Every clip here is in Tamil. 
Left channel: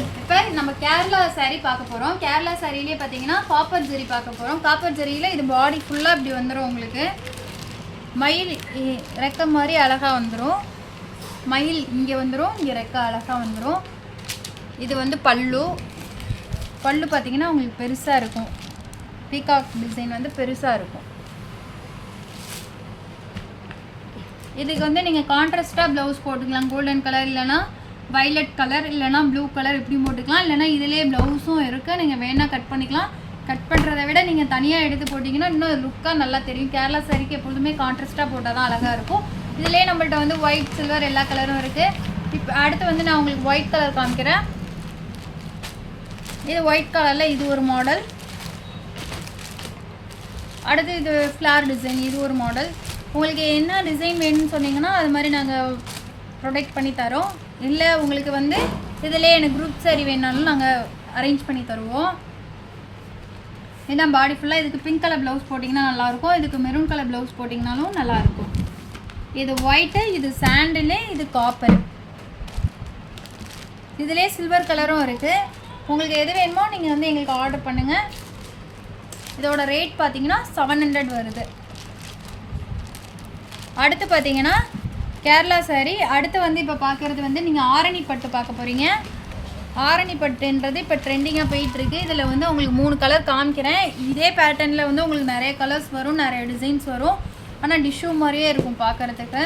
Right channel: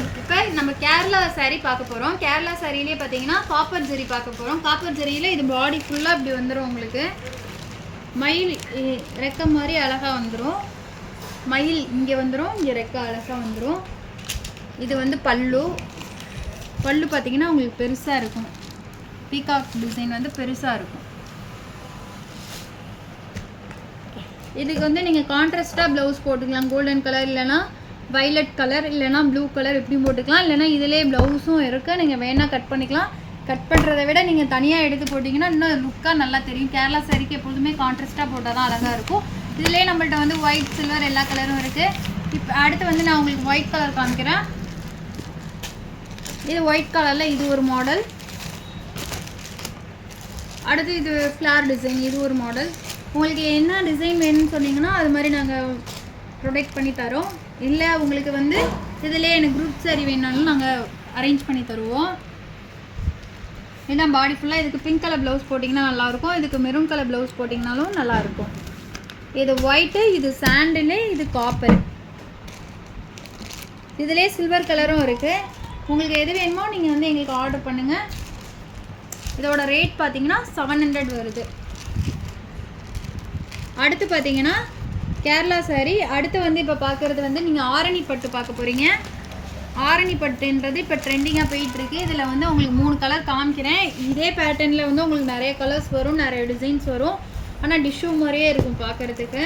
இப்போ நம்ம கேரளா சாரீ பார்க்க போகிறோம். கேரளா சாரிலே பார்த்தீங்கன்னா காப்பர் ஜெரி பார்க்க போகிறோம். காப்பர் ஜெரியில் இது பாடி ஃபுல்லாக இப்படி வந்துடும். உங்களுக்கு மயில் ரெக்கை மாதிரி அழகாக வந்துடும். மயில் இங்கே வந்துடும், இங்கே ரெக்கை அழகாக வந்துடும். இது வந்து பல்லு. பல்லு பார்த்தீங்கன்னா உங்களுக்கு பெருசாக இருக்கும். பீகாக் டிசைன் வந்து பெருசாக இருக்கும். இதுக்கு வந்து நீங்கள் கான்ட்ராஸ்ட்டாக ப்ளவுஸ் போட்டுக்கலாம். கோல்டன் கலர் இல்லைனா வைலட் கலர் இல்லைனா ப்ளூ கலர் இப்படி போட்டுக்கலாம். இல்லைனா இதிலே ப்ளவுஸும் இருக்குது. நீங்கள் வேணால் கட் பண்ணிக்கலாம். கட் பண்ணுறதை விட நீங்கள் தனியாக எடுத்து போட்டிங்கன்னா இன்னும் லுக்காக நல்லா தெரியும். கேரளா சாரிக்கு எப்பொழுதுமே கான்ட்ராஸ்ட்டாக போட்டால் தான் அழகாக இருக்கும். இதிலே நம்மள்ட்ட வந்து ஒயிட் சில்வர் எல்லா கலரும் இருக்குது. இப்போ அடுத்து வந்து நான் உங்களுக்கு ஒயிட் கலர் காமிக்கிறேன். இது ஒயிட் கலரில் இது ஒரு மாடல். அடுத்து இது ஃப்ளார் டிசைன், இது ஒரு மாடல். உங்களுக்கு என்ன டிசைன் வேணும்னு சொன்னீங்கன்னா அது மாதிரி நாங்கள் ப்ரொடக்ட் பண்ணி தரோம். இல்லை உங்களுக்கு வந்து இதிலே எனக்கு குரூப் சாரி வேணாலும் நாங்கள் அரேஞ்ச் பண்ணி தருவோம். ஏன்னா பாடி ஃபுல்லாக இதுக்கு பிங்க் கலர் ப்ளவுஸ் போட்டிங்கன்னா நல்லாயிருக்கும். இதுக்கு மெரூன் கலர் ப்ளவுஸ் போட்டிங்கனாலும் நல்லாயிருக்கும். இது ஒயிட்டு, இது சாண்டிலு, இது காப்பர். இதிலே சில்வர் கலரும் இருக்குது. உங்களுக்கு எது வேணுமோ நீங்கள் வந்து எங்களுக்கு ஆர்டர் பண்ணுங்கள். இதோட ரேட் பார்த்தீங்கன்னா 700 வருது. அடுத்து பார்த்தீங்கன்னா கேரளா சாரீ. அடுத்து வந்து இப்போ பார்க்குறது வந்து நீங்கள் ஆரணி பட்டு பார்க்க போகிறீங்க. ஆரணி பட்டுன்றது இப்போ ட்ரெண்டிங்காக போயிட்டுருக்கு. இதில் வந்து உங்களுக்கு 3 கலர் காமிக்கிறேன். இதே பேட்டர்னில் வந்து உங்களுக்கு நிறைய கலர்ஸ் வரும், நிறைய டிசைன்ஸ் வரும். ஆனால் டிஷ்யூ மாதிரியே இருக்கும் பார்க்குறதுக்கு.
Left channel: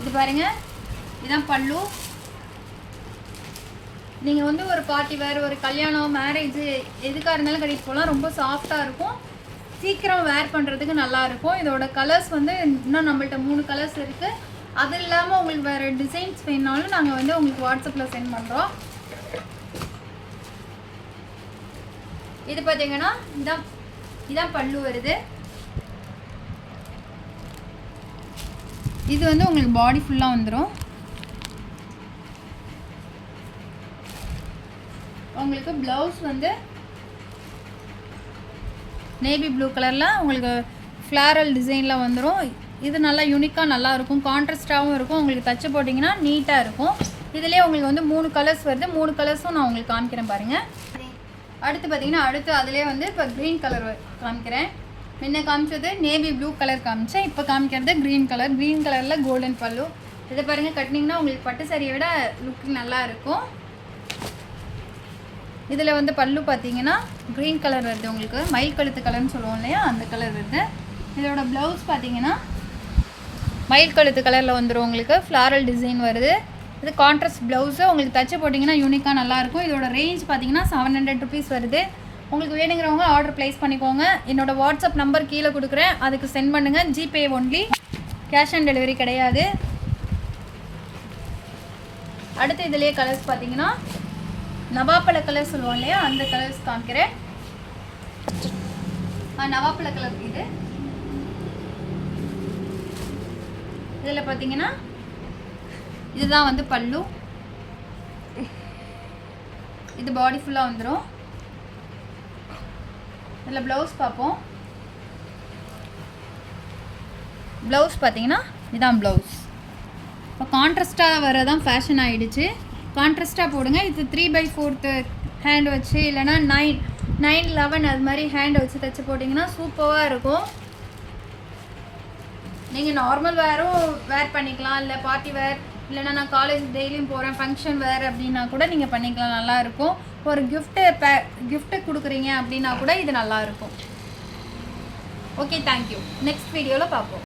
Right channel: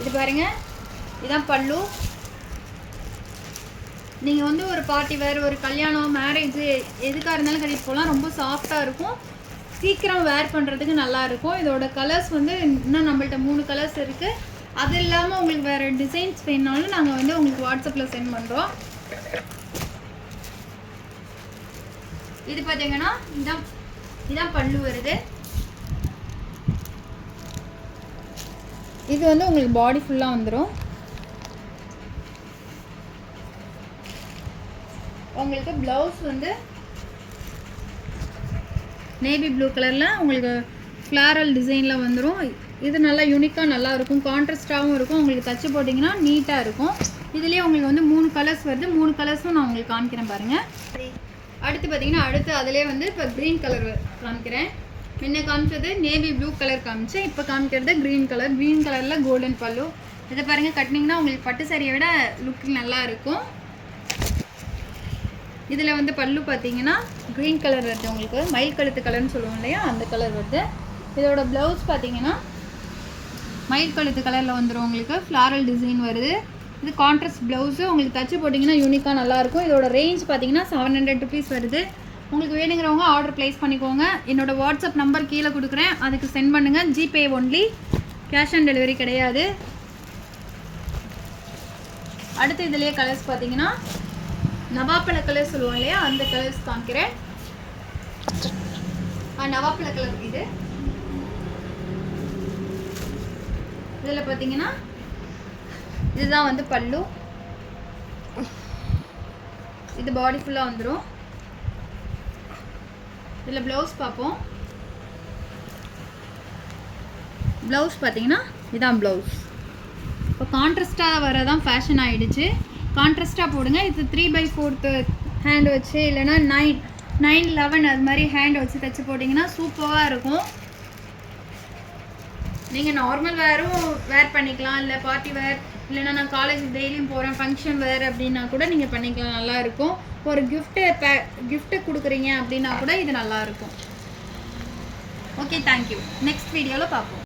இது பாருங்கள், இதுதான் பல்லு. நீங்கள் வந்து ஒரு பார்ட்டி வேறு, ஒரு கல்யாணம், மேரேஜ் எதுக்காக இருந்தாலும் கட்டிட்டு போகலாம். ரொம்ப சாஃப்டாக இருக்கும். சீக்கிரம் வேர் பண்ணுறதுக்கு நல்லாயிருக்கும். இதோட கலர்ஸ் வந்து இன்னும் நம்மள்ட்ட 3 கலர்ஸ் இருக்குது. அது இல்லாமல் உங்களுக்கு வேறு டிசைன்ஸ் வேணுனாலும் நாங்கள் வந்து உங்களுக்கு வாட்ஸ்அப்பில் சென்ட் பண்ணுறோம். இது பார்த்தீங்கன்னா இதான் பல்லு வருது. இது வந்து உங்களுக்கு பாடி ஃபுல்லாக வந்துடும். உங்களுக்கு ப்ளவுஸ் வந்து நேவி ப்ளூ கலரில் உங்களுக்கு ஃப்ளாரல் டிசைனில் வந்துடும். இது நல்லா யூனிக்காக நல்லாயிருக்கும். கான்ட்ராஸ்டாகவும் இருக்கும். உங்களுக்கு தச்சு போட்டிங்கன்னா நீட்டாக இருக்கும். இதிலே உங்களுக்கு வந்து 3 கலர்ஸ் வருது. 3 கலர்ஸும் நான் உங்களுக்கு காமிக்கிறேன் பாருங்கள். அடுத்து பார்த்தீங்கன்னா அடுத்து அதிலே வந்து இப்போ க்ரீன் கலர் காமிக்கிறேன். முன்ன காமிச்சது நேவி ப்ளூ கலர் காமிச்சேன். இப்போ காமிக்கிறது க்ரீன் கலர். க்ரீன் கலரில் கோல்டன் பல்லு. இதை பாருங்கள், கட்டினீங்கன்னா உங்களுக்கு பட்டு சாரியை விட லுக் நல்லா இருக்கும். இதில் வந்து பல்லு பார்த்தீங்கன்னா க்ரீன் கலர் வருது. உங்களுக்கு மயில் கழுத்து கலர்னு சொல்லுவோம் இல்லையா, அந்த கலர் வருது. இதோட ப்ளவுஸ் பார்த்தீங்கன்னா மயில் கழுத்து கலரில் வந்துடும். உங்களுக்கு ஃப்ளாரல் டிசைன் வருது. இது கான்ட்ராஸ்ட் ப்ளவுஸு. உங்களுக்கு தச்சு போட்டிங்கன்னா யூனிக்காக நல்லாயிருக்கும். இதோட ரேஞ்ச் பார்த்தீங்கன்னா 700 ருபீஸ் வருது. உங்களுக்கு வேணுங்கிறவங்க ஆர்டர் ப்ளேஸ் பண்ணிக்கோங்க. என்னோடய வாட்ஸ்அப் நம்பர் கீழே கொடுக்குறேன், அதுக்கு சென்ட் பண்ணுங்கள். GPay only, cash on delivery கிடையாது. அடுத்து இதிலே கலர்ஸ் பார்த்தீங்கன்னா நவாப்பழ கலர் சொல்லுவோம் இல்லையா, அந்த கலர்ஸ் காமிக்கிறேன். நவாப்பழ கலர் இது. இதில் பார்த்தீங்கன்னா இதுதான் வந்து பல்லு. இது பாடி ஃபுல்லாக வந்துடும். இதில் ப்ளவுஸ் பார்ப்போம். ப்ளவுஸ் பார்த்தீங்கன்னா இதுதான் ப்ளவுஸ். இப்போ கான்ட்ராஸ்ட்டாக வரதான் ஃபேஷன் ஆகிடுச்சு. கான்ட்ராஸ்ட்டாக போடுங்க. இது 3/4 ஹேண்ட் வச்சு இல்லைனா 9/11 அது மாதிரி ஹேண்ட் வச்சு தைச்சி போட்டிங்கன்னா சூப்பராக இருக்கும். நீங்கள் நார்மல் வேரும் வேர் பண்ணிக்கலாம். இல்லை பார்ட்டி வேர், இல்லைனா நான் காலேஜ் டெய்லியும் போகிறேன், ஃபங்க்ஷன் வேர் அப்படின்னா கூட நீங்கள் பண்ணிக்கலாம். நல்லாயிருக்கும். ஒரு கிஃப்ட்டு கொடுக்குறீங்க அப்படின்னா கூட இது நல்லாயிருக்கும். Okay, thank you. நெக்ஸ்ட் வீடியோவில் பார்ப்போம்.